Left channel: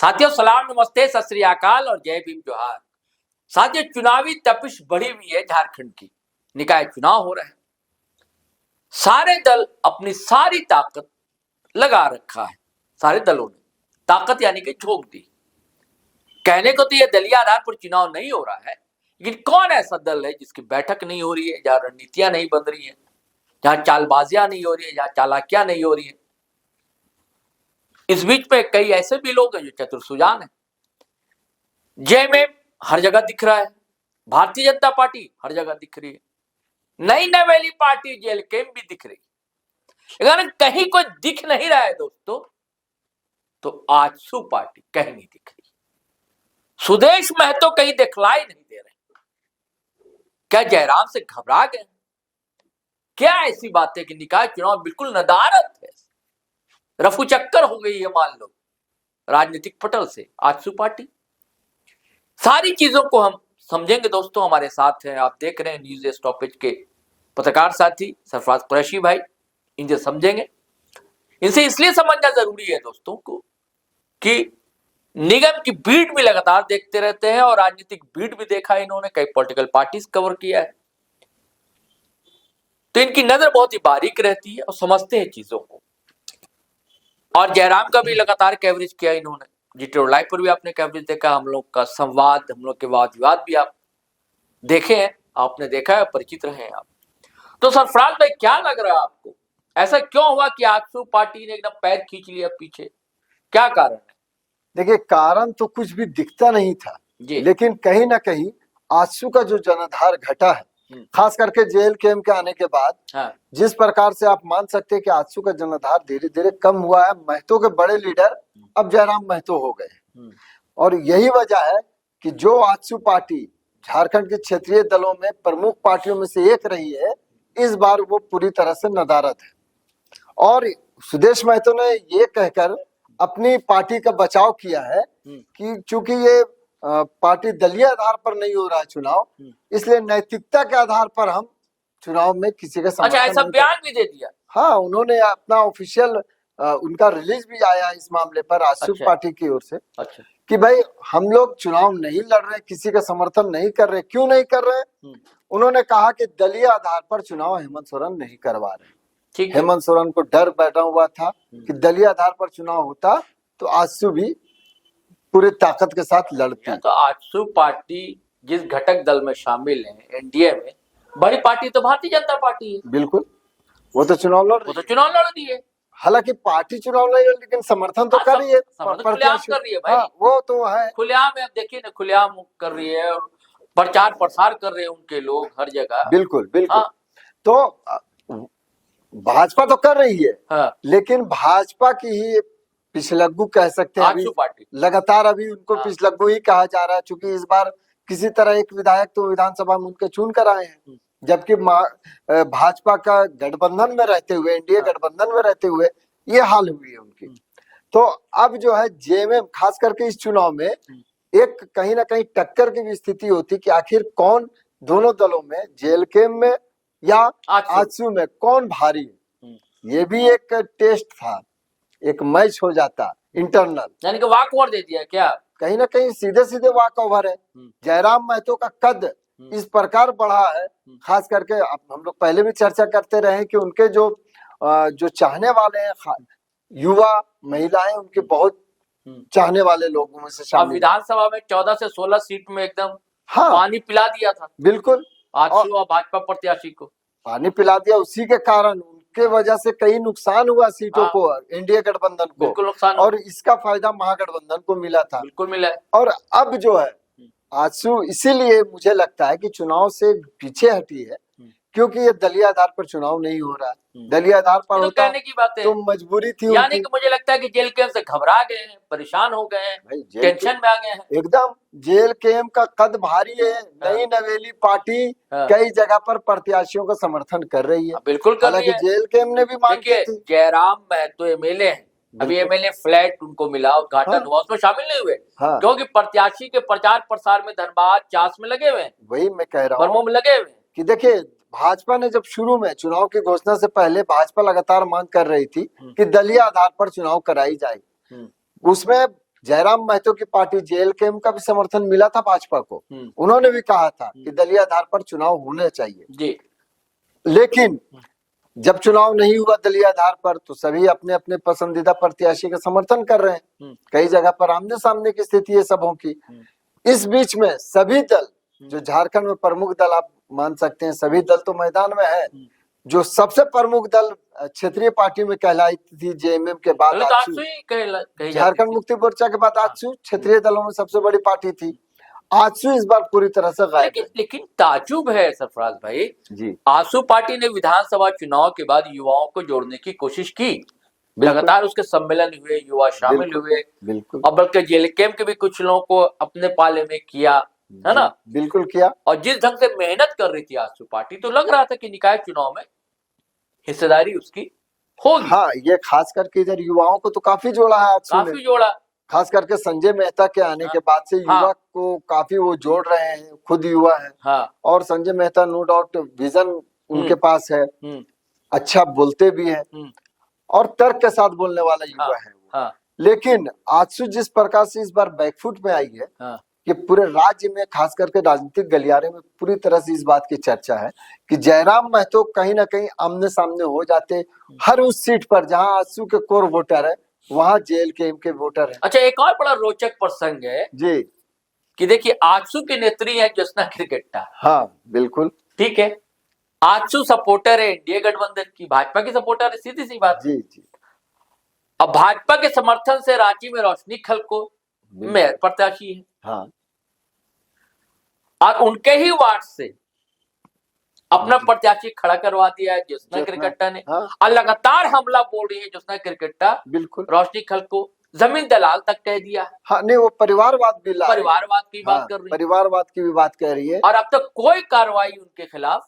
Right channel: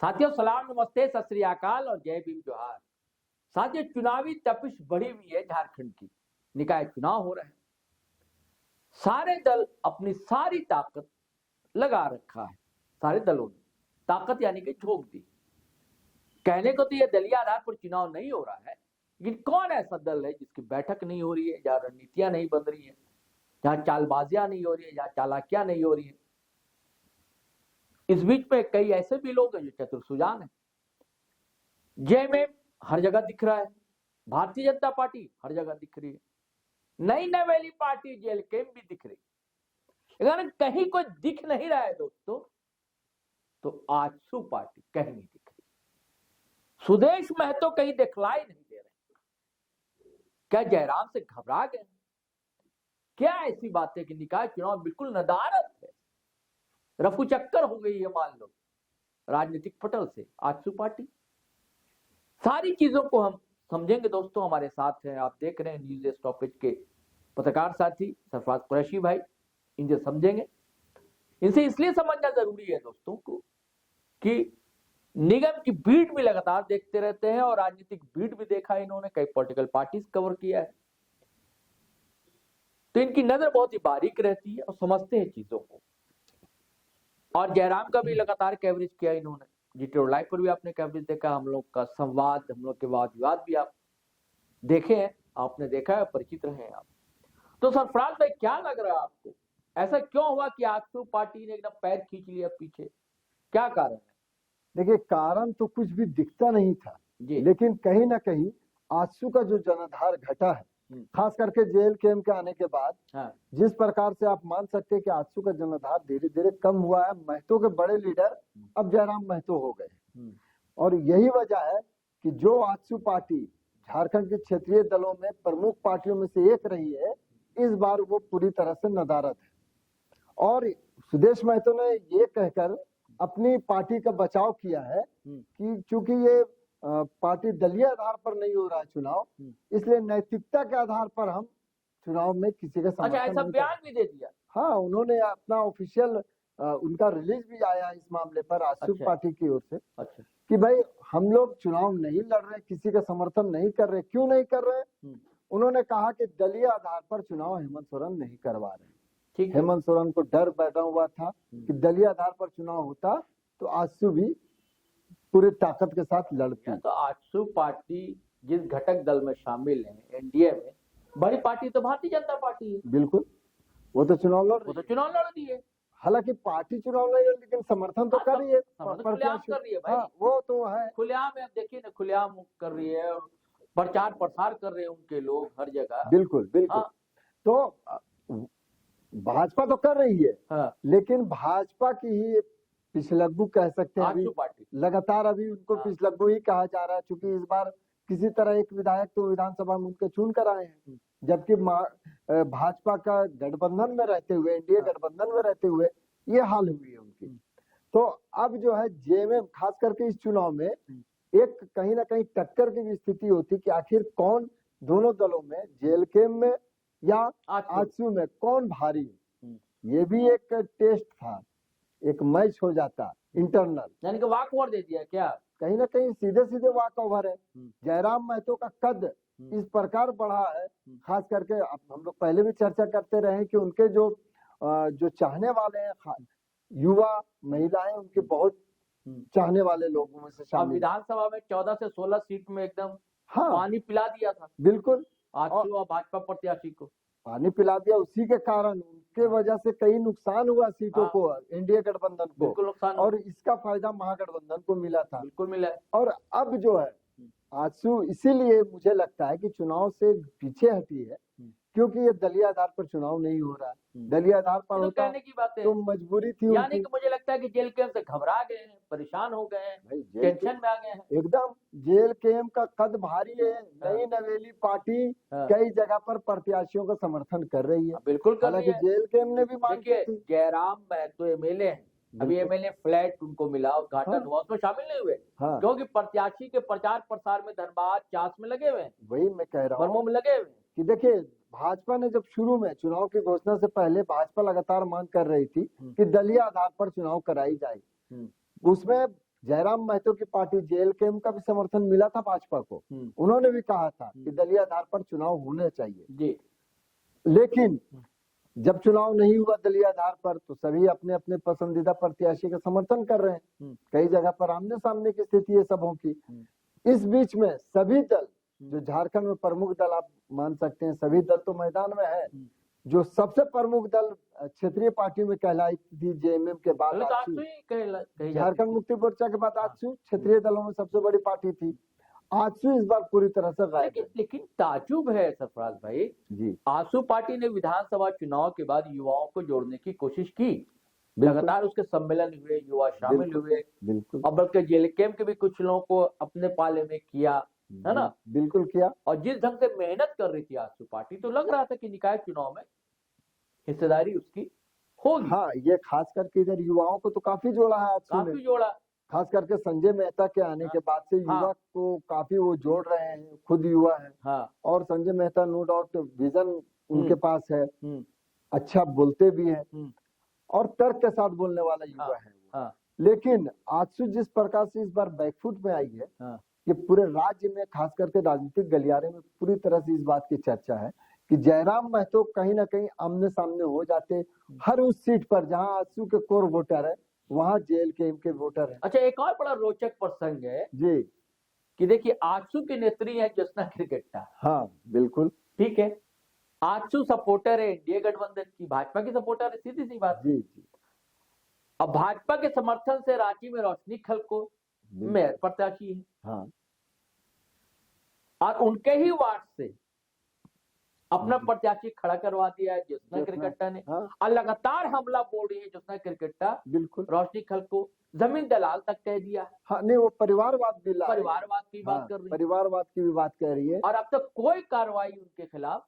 साथियों सलाम, नमस्ते, सत श्री अकाल और जय भीम जोहार। साथियों चुनावी तपिश बढ़ी हुई है झारखंड की। निकाय चुनाव हो रहे हैं, सारे दल अपनी सारी ताकत लगा रखा है। सारे दलों ने ताकत यानी कि झोंक दी। कहने को तो यह दलीय आधार पर चुनाव नहीं हो रहा है, लेकिन कौन ऐसा दल है जिसकी बैठक नहीं हो रही है, जहां रणनीतियां नहीं बन रही है, जहां चालबाजियां नहीं हो रही है, जहां चालाकियां नहीं हो रही है। इस बीच में कई ऐसे भी लोग हैं जो चतुर सुजान है। जेएमएम हर जगह दिख रहा है, भारतीय जनता पार्टी हर जगह दिख रही है, नई नवेली पार्टी जेएलके भी दिख रही है। अगर कहीं कोई दिख नहीं रहा है दोस्तों, तो आजसू पार्टी कहीं नहीं दिख रही। सुदेश महतो कहीं दिखलाई नहीं दे रहे। क्या जयराम से घबरा गए? क्या ऐसी बातें कि निकाय चुनाव बिल्कुल नदारत है, रफू चक्कर हो गई है मान लो राजनीतिक पटल से आजसू पार्टी। सारी चीजों को हम समझेंगे दोस्तों। हमारे साथ हैं, आप देख रहे हैं न्यूज स्टॉपेज के पत्रकार साथी सरफराज कुरैशी भाई। इनसे समझेंगे, इनसे इसलिए समझना जरूरी है दोस्तों को कि निगम की बीट भी लगातार देखते रहते हैं और राजनीतिक बीट भी देखा है इन्होंने, कई पॉलिटिकल पार्टीज कवर किया है, तो इनकी नजर बहुत ही बारीक रहती है और समझते हैं चीजों को। और जयराम का भी लगातार कवरेज किया इन्होंने, जीटीओ लाइव पर भी आपने कवरेज देखा, हम लोग का संवाद, हम लोग के वाद विवाद भी आप देखे हैं, आपने देखा है, परिचित रहे हैं आप। तो सरफराज भाई क्या लग रहा है आपको, ऐसा क्यों हुआ कि आजसू पार्टी ने एकदम पैर खींच लिया पीछे? क्या कारण है? देखिए, कारण तो कुछ भी दिखता नहीं था, लेकिन कहीं ना कहीं आजसू का जो जनाधार घटा है, खास करके जेएलके के आने के बाद, जिस प्रकार से आप मान सकते हैं कि आजसू का जनाधार धीरे धीरे कम हुआ है। महतो के बड़े लीडर अब जयराम महतो हो गए और यही वजह है कि जो आजसू पार्टी झारखंड के क्षेत्रीय दलों में प्रमुख पार्टियों में से एक रही है, इस बार वो पूरी तरह से नदारत है। और सुदेश महतो ने ये कहकर अपनी पार्टी का बचाव किया है कि चूंकि ये पार्टी दलीय आधार पर नहीं हो रहा है चुनाव, इसलिए नैतिकता के आधार पर हम चुनाव में किसी का समर्थन। अच्छा, ऐसा बयान भी दे दिया? हाँ, उन्होंने अपना ऑफिशियल उनका रिलीज भी आया इस मामले पर आजसू पार्टी की ओर से। अच्छा, कि भाई हम लोग चुनाव नहीं लड़ रहे, किसी का समर्थन नहीं कर रहे। क्यों नहीं कर रहे? उन्होंने कहा कि दलीय आधार पर चुनाव हेमंत सोरेन नहीं करवा रहे। हेमंत सोरेन को डर बैठा हुआ था कि दलीय आधार पर चुनाव होता तो आजसू भी पूरी ताकत के साथ लड़ती। तो आजसू पार्टी जिस घटक दल में शामिल है एनडीए में, बड़ी पार्टी तो भारतीय जनता पार्टी है। बिल्कुल, वो तो चुनाव लड़ रही है। हालांकि पार्टी चुनाव लड़ रही है, लेकिन समर्थन तो कर रही है, प्रत्याशी कर रही है भाई। वो तो है, खुलेआम है। देखिए ना, खुलेआम कर रही है और प्रचार प्रसार कर रहे हैं उनके लोग हर जगह। बिल्कुल बिल्कुल। तो भाजपा तो कर रही है, लेकिन भाजपा की ही पिछलग्गू कह सकते हैं अभी, लगातार अभी उनको पिछलग्गू ही कहा जा रहा है, क्योंकि इस बार किसी तरह एक विधायक तो विधानसभा में उनके चुन कर आए हैं, जबकि भाजपा का गठबंधन में रहते हुए, एनडीए गठबंधन में रहते हुए ये हाल हुई है उनकी। तो अब जो है जेएमएम खास करके इस चुनाव में एक कहीं ना कहीं टक्कर की भी स्थिति होती कि आखिर कौन दोनों दलों में, जेएलके में या आजसू में, कौन भारी है। ये भी एक टेस्ट था, एक मैच हो जाता इंटरनल, यानी कि वॉक ओवर दे दिया क्या? कहीं ना कहीं सीधे सीधे वॉक ओवर है। जयराम महतो का कद इस प्रकार बढ़ा है, खास करके हम लोग पहले भी चर्चा करते रहे कि उनके जो चाहने वाले हैं, युवा महिलाएं उनके बहुत चाहने वाले लोगों में से शामिल। विधानसभा में 14 से 16 सीट में एकदम पानी पिला दिया था। बिल्कुल, आजसू और भाजपा प्रत्याशी को पानी पिला दिया। उसी के कारण उनके वजह से कई नुकसान हुआ सीटों को, एनडीए गठबंधन को। बिल्कुल नुकसान, और इसका फायदा महागठबंधन को मिला था। बिल्कुल मिला है। और अब जो है आजसू इसीलिए मुझे लगता है कि चुनाव से पीछे हटी है, क्योंकि ये दलीय आधार पर चुनाव नहीं हो रहा है। दलीय आधार पर होता कहने की बात है, तो मजबूरी थी। यानी कि मुझे लगता है कि जेएलके से घबरा गए हैं, परेशान हो गए हैं, टेंशन में आ गए हैं। एकदम जेएलके का कद भारी है। नई नवेली पार्टी कई जगह पर प्रत्याशियों का समर्थन कर रही है। बिल्कुल कर रही है। जेएलके ने भी मांग की थी। जयराम महतो एमएलए हैं, अभी एमएलए फ्लैट उनको मिला, उद्घाटन हुआ, उसमें शामिल नहीं हुए क्योंकि प्रत्याशी के प्रचार प्रसार में धनबाद चास में लगे हुए हैं। वही मैं कह रहा हूँ में लगे हुए कि देखिए, भाजपा ने जब शुरू में चुनाव की घोषणा से पहले भाजपा लगातार मांग कर रही थी कि दलीय आधार पर चुनाव कराई जाए। उसमें जयराम महतो की पार्टी जेएलकेएम का भी समर्थन मिला था भाजपा को। उन्होंने भी कहा था कि दलीय आधार पर चुनाव होने चाहिए जी। लेकिन जब चुनाव नहीं हुआ दलीय आधार पर तो सभी अपने अपने पसंदीदा प्रत्याशी का समर्थन कर रहे हैं। कई जगह पर आमने सामने की स्थिति है सबों की। इस बीच में सभी दल जो झारखंड में प्रमुख दल आप मान सकते हैं, सभी दल तो मैदान में है। जो सबसे प्रमुख दल क्षेत्रीय पार्टी में कहलाई थी जेएमएम के बाद झारखंड मुक्ति मोर्चा के बाद आजसू क्षेत्रीय दलों में सबसे बड़ी पार्टी थी। आजसू इस बार पूरी तरह से गायब है। लेकिन ताजुब है सरफराज भाई जी, आजसू पार्टी ने विधानसभा चुनाव के बाद युवाओं को जोड़ने की कोशिश की, लगातार उसके सम्मेलन हुए, युवा शामिल हुए, बिल्कुल। और बल्कि जेएलकेएम के भी कुछ लोगों को अपने पाले में किया, है ना? बिल्कुल किया। और जिस ढंग से मेहनत कर रही थी आजसू पार्टी, तो लग रहा था कि निकाय चुनाव में हिस्सेदारी उसकी होगी। हाँ, ये खास करके इधर युवाओं को तो काफी जोड़ा है आजसू ने। काफी जोड़ा, खास करके संजय मेहता के आने के बाद से युवा को काफी वो जोड़ रहे हैं। खुद युवा है और Sanjay Mehta no doubt vision उनके पास है, अच्छा बोलते भी है और तर्क के साथ बोलने वाला युवा है। लेकिन आजसू जिस प्रकार से इस बार बैकफुट में आई है कि पूरे राज्य में खास करके राजनीतिक गलियारे में पूरी तरह से इस बात की चर्चा है कि जयराम महतो कहीं ना कहीं आमने सामने हो जाते हर उस सीट पर जहां आजसू के कोर वोटर है, वहां जेएलकेएम के वोटर है। अच्छा, एक और बड़ा रोचक प्रसंग है जी कि देखिए आजसू की नेत्री है ज्योत्सना किरकेट्टा। हाँ बिल्कुल ठीक है, आजसू सपोर्टर है एनडीए गठबंधन की, भाजपा की सपोर्टर है, सीधी सी बात। जी जी। अब भाजपा के समर्थन से रांची में रोशनी खलको मेयर प्रत्याशी है। हाँ। और उनके ही वार्ड से अपना प्रत्याशी खड़ा करवा दिया है ज्योत्सना किरकेट्टा ने। और लगातार हमला बोल रही है ज्योत्सना किरकेट्टा बिल्कुल रोशनी खलको, जमीन दलाल तक कह दिया। हाँ, नहीं वो परिवारवाद भी परिवारवाद की बात कर रही है, परिवारवाद की भी बात कह रही है। और अब तक कोई कार्रवाई उनके खिलाफ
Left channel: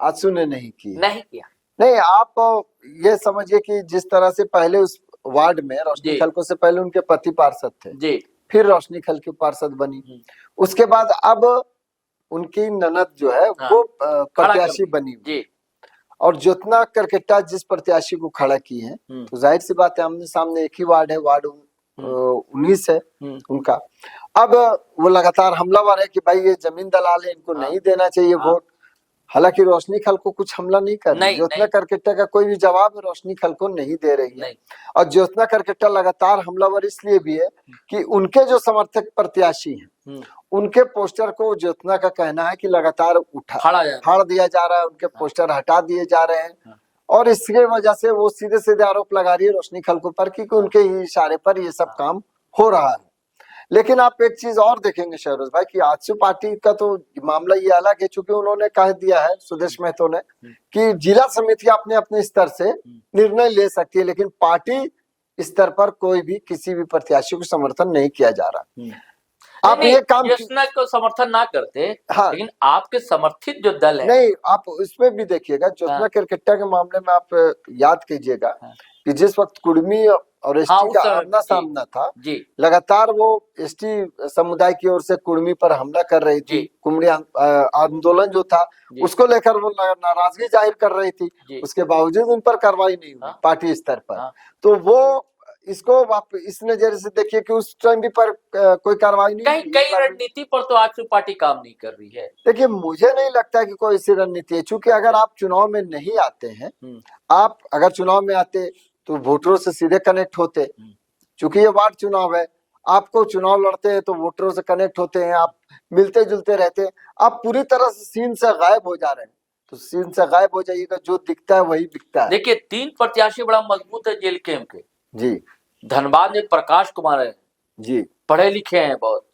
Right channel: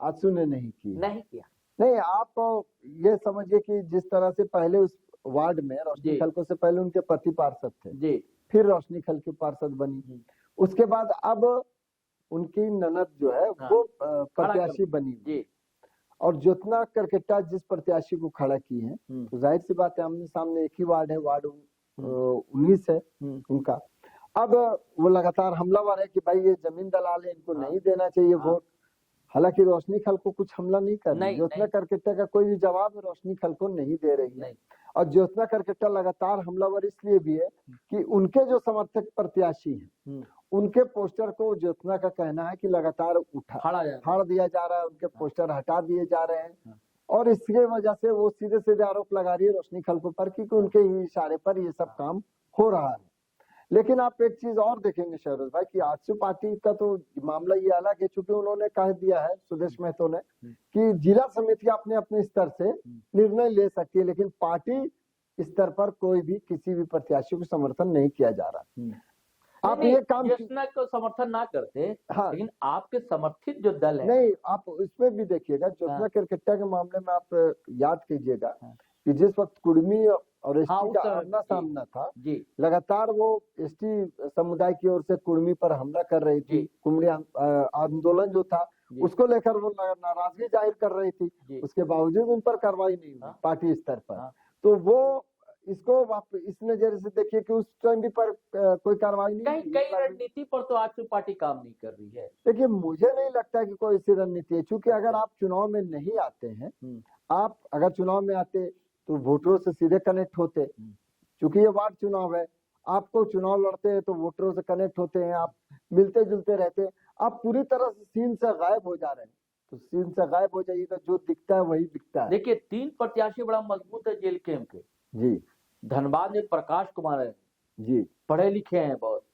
आजसू ने नहीं की। नहीं किया। नहीं, आप ये समझिए कि जिस तरह से पहले उस वार्ड में रोशनी खलको से पहले उनके पति पार्षद थे जी, फिर रोशनी खलको पार्षद बनी, उसके बाद अब उनकी ननद जो है वो प्रत्याशी बनी जी। और ज्योत्सना किरकेट्टा जिस प्रत्याशी को खड़ा की है तो जाहिर सी बात है आमने सामने एक ही वार्ड है, वार्ड 19 है उनका। अब वो लगातार हमलावर है कि भाई ये जमीन दलाल है, इनको नहीं देना चाहिए वोट। हालांकि रोशनी खलको कुछ हमला नहीं कर रही, ज्योत्सना किरकेट्टा का कोई भी जवाब रोशनी खलको नहीं दे रही है। और ज्योत्सना किरकेट्टा लगातार हमलावर इसलिए भी है कि उनके जो समर्थक प्रत्याशी हैं उनके पोस्टर को ज्योत्सना का कहना है कि लगातार फाड़ दिया जा रहा है, उनके पोस्टर हटा दिए जा रहे हैं। और इसके वजह से वो सीधे सीधे आरोप लगा रही है रोशनी खलको पर कि उनके ही इशारे पर ये सब काम हो रहा है। लेकिन आप एक चीज और देखेंगे शहरोज भाई कि आजसू पार्टी का तो मामला ये अलग है, चूंकि उन्होंने कह दिया है सुदेश महतो ने कि जिला समितियां अपने अपने स्तर से निर्णय ले सकती है, लेकिन पार्टी स्तर पर कोई भी किसी भी प्रत्याशी को समर्थन नहीं किया जा रहा। आप ये काम ज्योत्सना को समर्थन ना करते, लेकिन आपके समर्थित जो दल है, नहीं आप उसमें भी देखिएगा ज्योत्सना किरकेट्टा के मामले में आप याद कीजिएगा कि जिस वक्त कुर्मी और एसटी का आमना सामना था जी, लगातार वो एसटी समुदाय की ओर से कुर्मी पर हमला कर रही थी, कुमड़ी आंदोलन जो था उसको लेकर वो नाराजगी जाहिर कर रही थी, उसके बावजूद उन पर कार्रवाई नहीं हुई पार्टी स्तर पर। तो वो इसको आप इस नजर से देखिए कि उस टाइम भी पर कोई कार्रवाई नहीं, कई रणनीति पर तो आजसू पार्टी काम नहीं कर रही है। देखिए मुझे नहीं लगता कि कोई ऐसी रणनीति है, चूंकि अगर आप चुनाव में नहीं आते हैं, आप अगर चुनाव में आते तो वोटरों से सीधे कनेक्ट होते, चूंकि ये वार्ड चुनाव है, आपको चुनाव लड़ते हैं तो वोटरों से कनेक्ट होते हैं, आप मिलते जुलते रहते हैं। आप पूरी तरह से सीन से गायब हो जा रहे हैं, तो सीन से गायब हो जाइएगा, जो दिखता है वही बिकता है। देखिए 3 प्रत्याशी बड़ा मजबूत है जेएलकेएम के जी। धनबाद में प्रकाश कुमार है जी, पढ़े लिखे हैं बहुत,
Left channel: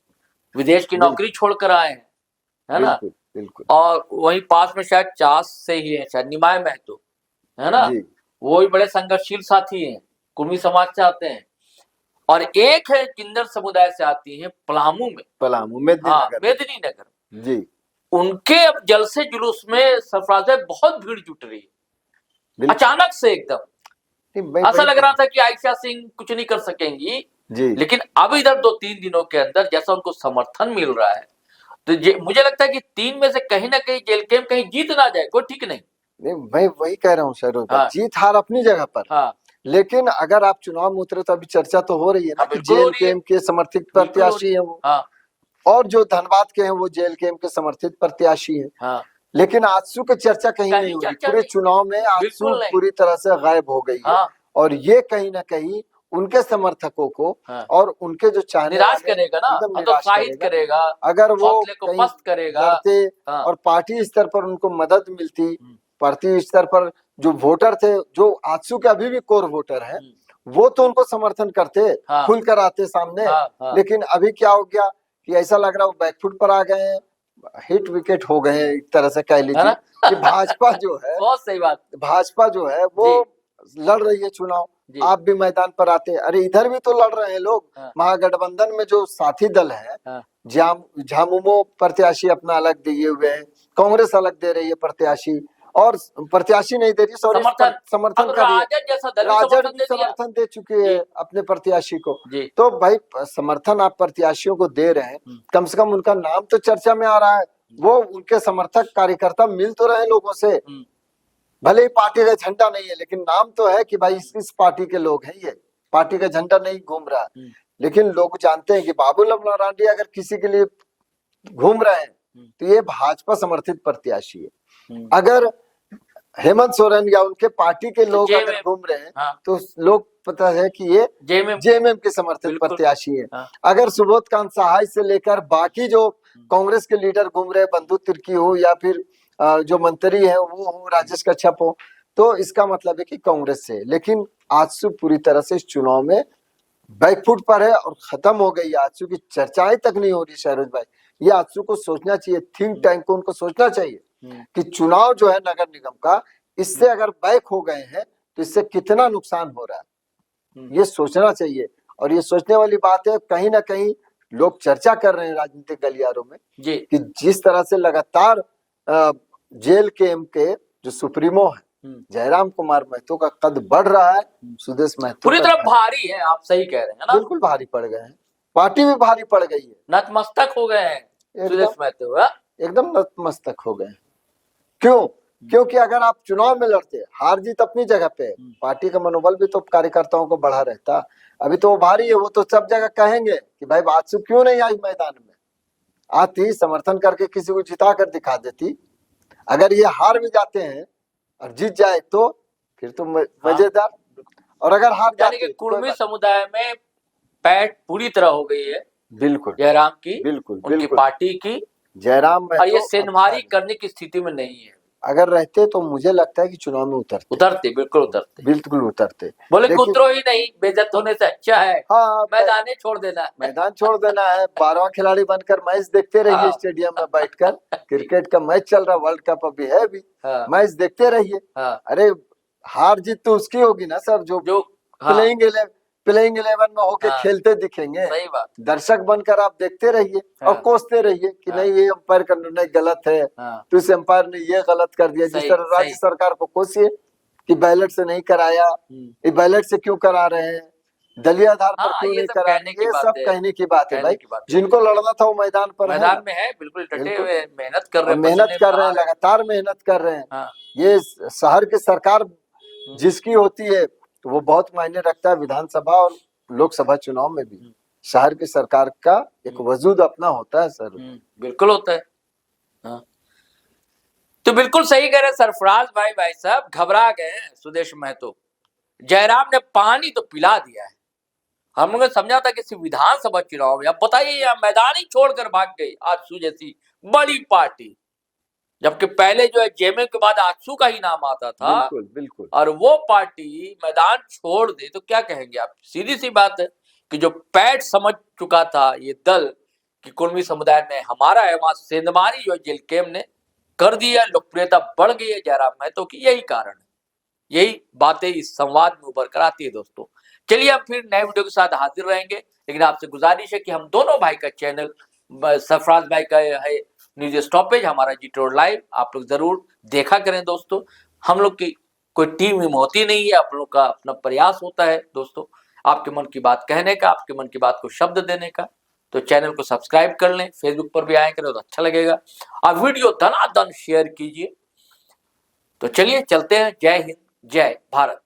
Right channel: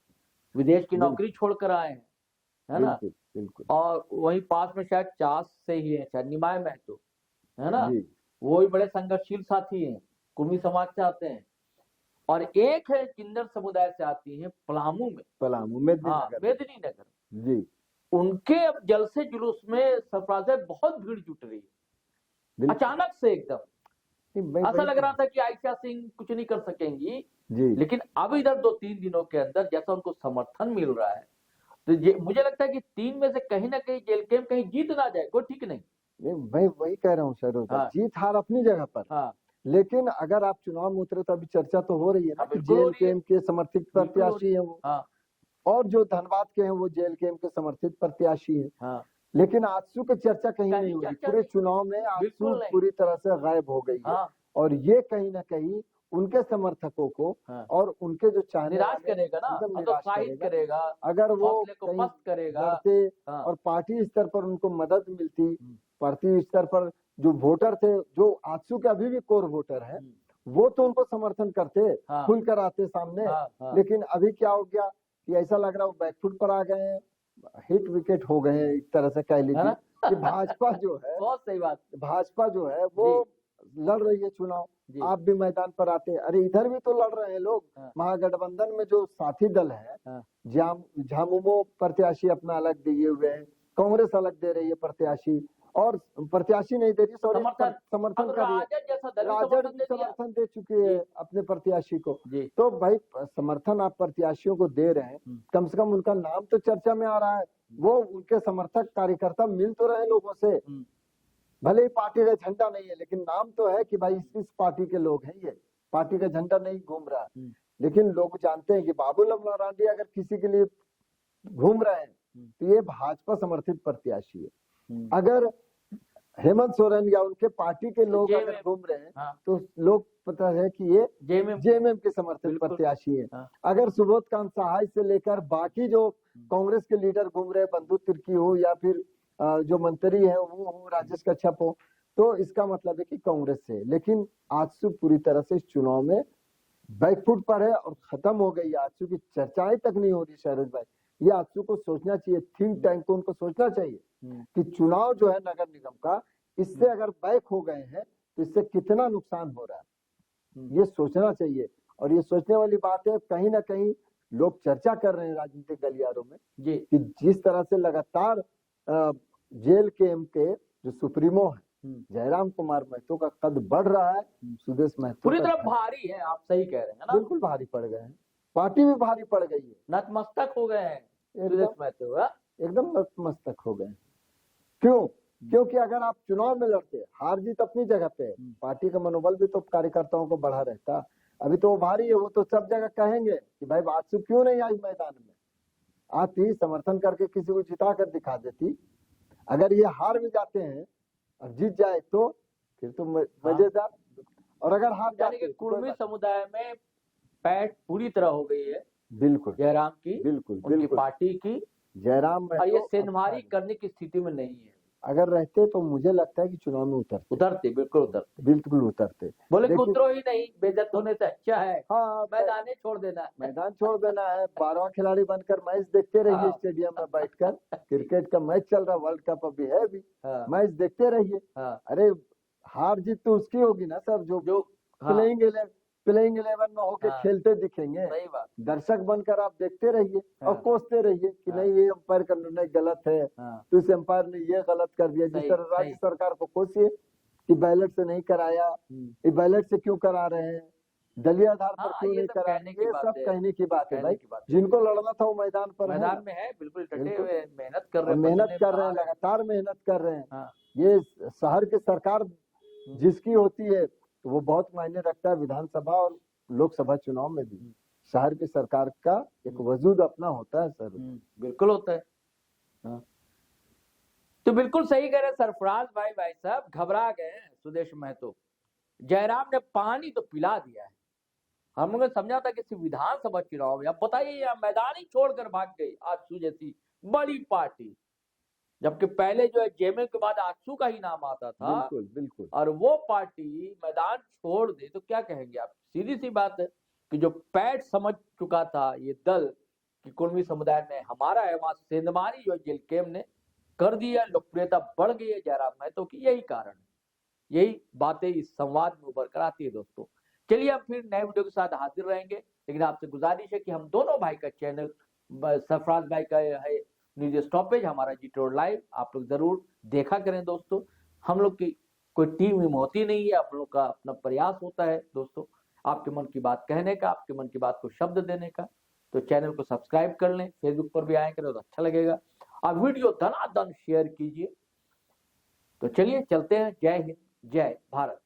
विदेश की नौकरी छोड़कर आए हैं, है ना? बिल्कुल। और वहीं पास में शायद चास से ही है, शायद निमाय महतो, है ना? वो भी बड़े संघर्षशील साथी हैं, कुर्मी समाज से आते हैं। और एक है किन्नर समुदाय से आती है पलामू मेदिनीनगर जी। उनके अब जलसे जुलूस में सरफराज बहुत भीड़ जुट रही है, अचानक से एकदम ऐसा लग रहा था कि आयशा सिंह कुछ नहीं कर सकेंगी जी। लेकिन अब इधर 2-3 दिनों के अंदर जैसा उनको समर्थन मिल रहा है, तो मुझे लगता है कि 3 में से कहीं ना कहीं जेएलकेएम कहीं जीत ना जाए, कोई ठीक नहीं। मैं वही कह रहा हूँ सर, जीत हार अपनी जगह पर। लेकिन अगर आप चुनाव में उतरे तो अभी चर्चा तो हो रही है ना कि जेएलकेएम के समर्थित प्रत्याशी है वो, और जो धनबाद के हैं वो जेएलकेएम के समर्थित प्रत्याशी है। लेकिन आजसू की चर्चा कहीं नहीं हुई पूरे चुनाव में। आजसू पूरी तरह से गायब हो गई है और ये कहीं ना कहीं उनके समर्थकों को और उनके जो चाहने निराश करेगा ना, हतोत्साहित करेगा अगर वो कहीं करेगा और पार्टी स्तर पर उनको मदद मिलती, पार्टी स्तर पर जो वोटर थे, जो आजसू के अभी भी कोर वोटर हैं, वो तो उनको समर्थन करते, खुलकर आते सामने। लेकिन अभी क्या हो गया कि ऐसा लग रहा है वो बैकफुट पर आ गए हैं, हिट विकेट हो गए हैं, एक तरह से कह लीजिए कि भाजपा जो है बहुत सही बात, भाजपा जो है वो लड़ रही है चुनाव। आप भी मैदान पर आते, अरे इधर भी तो लड़ रहे हैं लोग। महागठबंधन में जो साथी दल है, झामुमो प्रत्याशी अपना अलग दिए हुए हैं, कांग्रेस अलग दे रही है प्रत्याशी, और प्रत्याशी नहीं दे रही, सॉरी समर्थन कर रही है। राजद भी समर्थन दे चुके हैं अपने प्रत्याशी को। तो भाई समर्थन आप प्रत्याशियों को दे रहे हैं, कम से कम उनका नाम तो चर्चा में आ रहा है, वो उनके समर्थक कार्यकर्ता मिल तो रहे लोगों से। भले ही पार्टी का झंडा नहीं है, लेकिन नाम तो है कि भाई इस पार्टी के लोग हैं, ये पार्टी का झंडा नहीं घूम रहा है। लेकिन लोग जानते हैं कि बाबूलाल मरांडी अगर किसी के लिए घूम रहे हैं तो ये भाजपा समर्थित प्रत्याशी है। अगर हेमंत सोरेन या उनके पार्टी के लोग अगर घूम रहे हैं तो लोग पता है कि ये जेएमएम के समर्थित प्रत्याशी है। अगर सुबोध कांत सहाय से लेकर बाकी जो कांग्रेस के लीडर घूम रहे, बंधु तिर्की हो या फिर जो मंत्री है वो हो, राजेश कश्यप हो, तो इसका मतलब है कि कांग्रेस से। लेकिन आजसू पूरी तरह से इस चुनाव में बैकफुट पर है और खत्म हो गई। आजसू की चर्चाएं तक नहीं हो रही। शहरोज भाई, ये आजसू को सोचना चाहिए, थिंक टैंक को उनको सोचना चाहिए कि चुनाव जो है नगर निगम का, इससे अगर बैक हो गए हैं तो इससे कितना नुकसान हो रहा है, ये सोचना चाहिए। और ये सोचने वाली बात है, कहीं ना कहीं लोग चर्चा कर रहे हैं राजनीतिक गलियारों में कि जिस तरह से लगातार जेएलकेएम के जो सुप्रीमो है जयराम कुमार महतो का कद बढ़ रहा है, सुदेश महतो पूरी तरह भारी है। आप सही कह रहे हैं ना, बिल्कुल भारी पड़ गए हैं, पार्टी भी भारी पड़ गई है, नतमस्तक हो गए हैं सुदेश महतो, एकदम नतमस्तक हो गए। क्यों? क्योंकि अगर आप चुनाव में लड़ते, हार जीत अपनी जगह पे, पार्टी का मनोबल भी तो कार्यकर्ताओं को बढ़ा रहता। अभी तो वो भारी है, वो तो सब जगह कहेंगे कि भाई आजसू क्यों नहीं आई मैदान में, आती समर्थन करके किसी को जिता कर दिखा देती। अगर ये हार भी जाते हैं और जीत जाए तो फिर तो मजेदार। और अगर हार जाते तो कुर्मी समुदाय में पैठ पूरी तरह हो गई है, बिल्कुल जयराम की, बिल्कुल उनकी पार्टी की, जयराम और ये सेंधमारी करने की स्थिति में नहीं है। अगर रहते तो मुझे लगता है कि चुनाव में उतरते, बिल्कुल उतरते। बोले उतरो ही नहीं, बेइज्जत होने से अच्छा है मैदान छोड़ देना है, मैदान छोड़ देना है। 12वां खिलाड़ी बनकर मैच देखते रहिए स्टेडियम में बैठकर, क्रिकेट का मैच चल रहा, वर्ल्ड कप अभी है भी, मैच देखते रहिए। अरे हार जीत तो उसकी होगी ना सर, जो प्लेइंग 11 में होके खेलते दिखेंगे। सही बात। दर्शक बनकर आप देखते रहिए और कोसते रहिए कि नहीं ये अंपायर का निर्णय गलत है, तो इस अंपायर ने ये गलत कर दिया। जिस तरह राज्य सरकार को कोसिए कि बैलेट से नहीं कराया, ये बैलेट से क्यों करा रहे हैं, दलीय आधार पर क्यों नहीं करा रहे, ये सब कहने की बात है भाई। जिनको लड़ना था वो मैदान पर मैदान में है, बिल्कुल डटे हुए मेहनत कर रहे हैं, लगातार मेहनत कर रहे हैं। ये शहर की सरकार जिसकी होती है तो वो बहुत मायने रखता है। विधानसभा और लोकसभा चुनाव में भी शहर की सरकार का एक वजूद अपना होता है सर, बिल्कुल होता है। तो बिल्कुल सही कह रहे सरफराज भाई साहब, घबरा गए हैं सुदेश महतो। जयराम ने पानी तो पिला दिया है। हम लोगों ने समझा था कि विधानसभा चुनाव में, अब बताइए यहाँ मैदान ही छोड़कर भाग गई आजसू जैसी बड़ी पार्टी, जबकि पहले जो है जेएमएम के बाद आजसू का ही नाम आता था। बिल्कुल। और वो पार्टी मैदान छोड़ दे तो क्या कहेंगे आप। सीधी सी बात है कि जो पैठ समझ चुका था ये दल कि कुर्मी समुदाय में हमारा है, वहां सेंधमारी जो जेएलकेएम ने कर दिया, लोकप्रियता बढ़ गई है जयराम महतो की। यही कारण है, यही बातें इस संवाद में उभर कर आती है। दोस्तों चलिए हम फिर नए वीडियो के साथ हाजिर रहेंगे, लेकिन आपसे गुजारिश है कि हम दोनों भाई का चैनल, सरफराज भाई का है न्यूज स्टॉपेज, हमारा GT लाइव, आप लोग जरूर देखा करें। दोस्तों हम लोग की कोई टीम होती नहीं है, आप लोग का अपना प्रयास होता है दोस्तों, आपके मन की बात कहने का, आपके मन की बात को शब्द देने का। तो चैनल को सब्सक्राइब कर लें, फेसबुक पर भी आया करें तो अच्छा लगेगा, और वीडियो धनाधन शेयर कीजिए। तो चलिए चलते हैं। जय हिंद, जय भारत।